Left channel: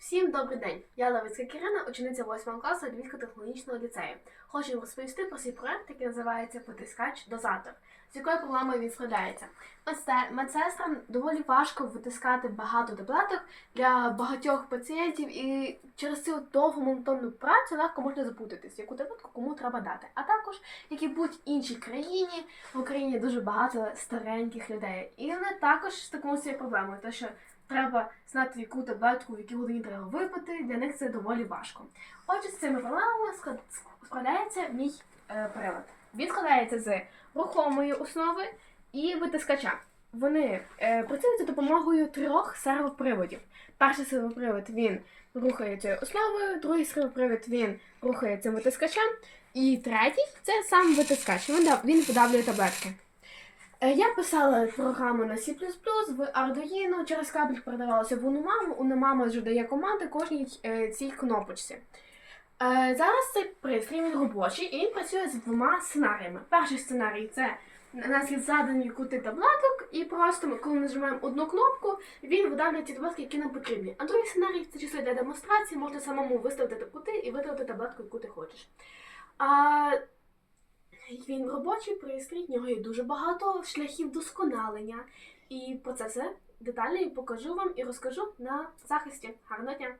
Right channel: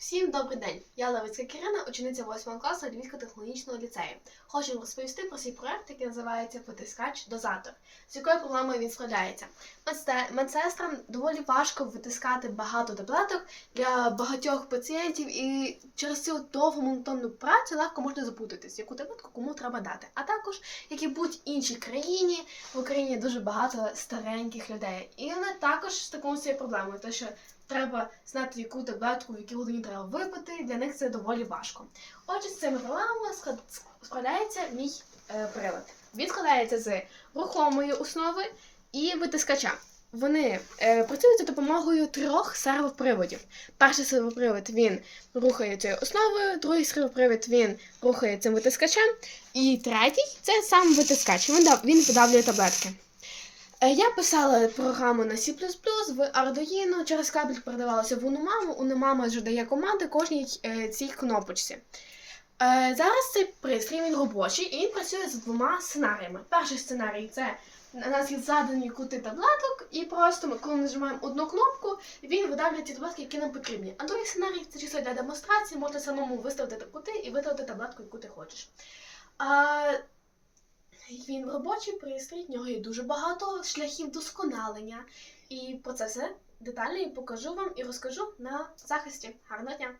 Всім добрий день! Я Левицька Кірина, учениця 8 класу Львівського технологічного ліцею. Хочу розповісти про свій проект, який називається Витискач-дозатор, з якою проблемою він складається. Медсестрам доволі важко витискати багато таблеток для багатьох пацієнтів, і через цю довгу монотонну працю легко можна запутатись, яку таблетку кому треба дати. А також, як і будь-іншій країні, в Україні дуже багато стареньких людей. І вони також стикнуться з цією проблемою, тому що треба знати, яку таблетку, в якій годині треба випити. Для них це доволі важко. Отже, з цими проблемами склад- складається мій е, прилад. Він складається з рухомої основи і витискача. Вони е, працюють за допомогою трьох сервоприводів. Перший сервопривод він рухає цією основою, другий сервопривод він рухає цим витискачем, і третій це сам витискач. Він, дав- він видавлює таблетки. Е, Я писала програму на C++ в Arduino, через кабель передавалося в Unumama. Unumama вже дає команди кожній е, цій кнопочці. Е, зараз цей пристрій він робочий і він працює з двома сценаріями. Перший сценарій це у нас є задані кути таблеток, і просто ми, коли нажимаємо одну кнопку, він видавлює ті таблетки, які нам потрібні. А другий сценарій це чисто для демонстрації, можна самому виставити кути і видалити таблетку, яку ти хочеш. Він робочий пристрій, в нього є дуже багато шляхів досконалення. І про це все детально покажу вам і розкажу на захисті. Гарного дня!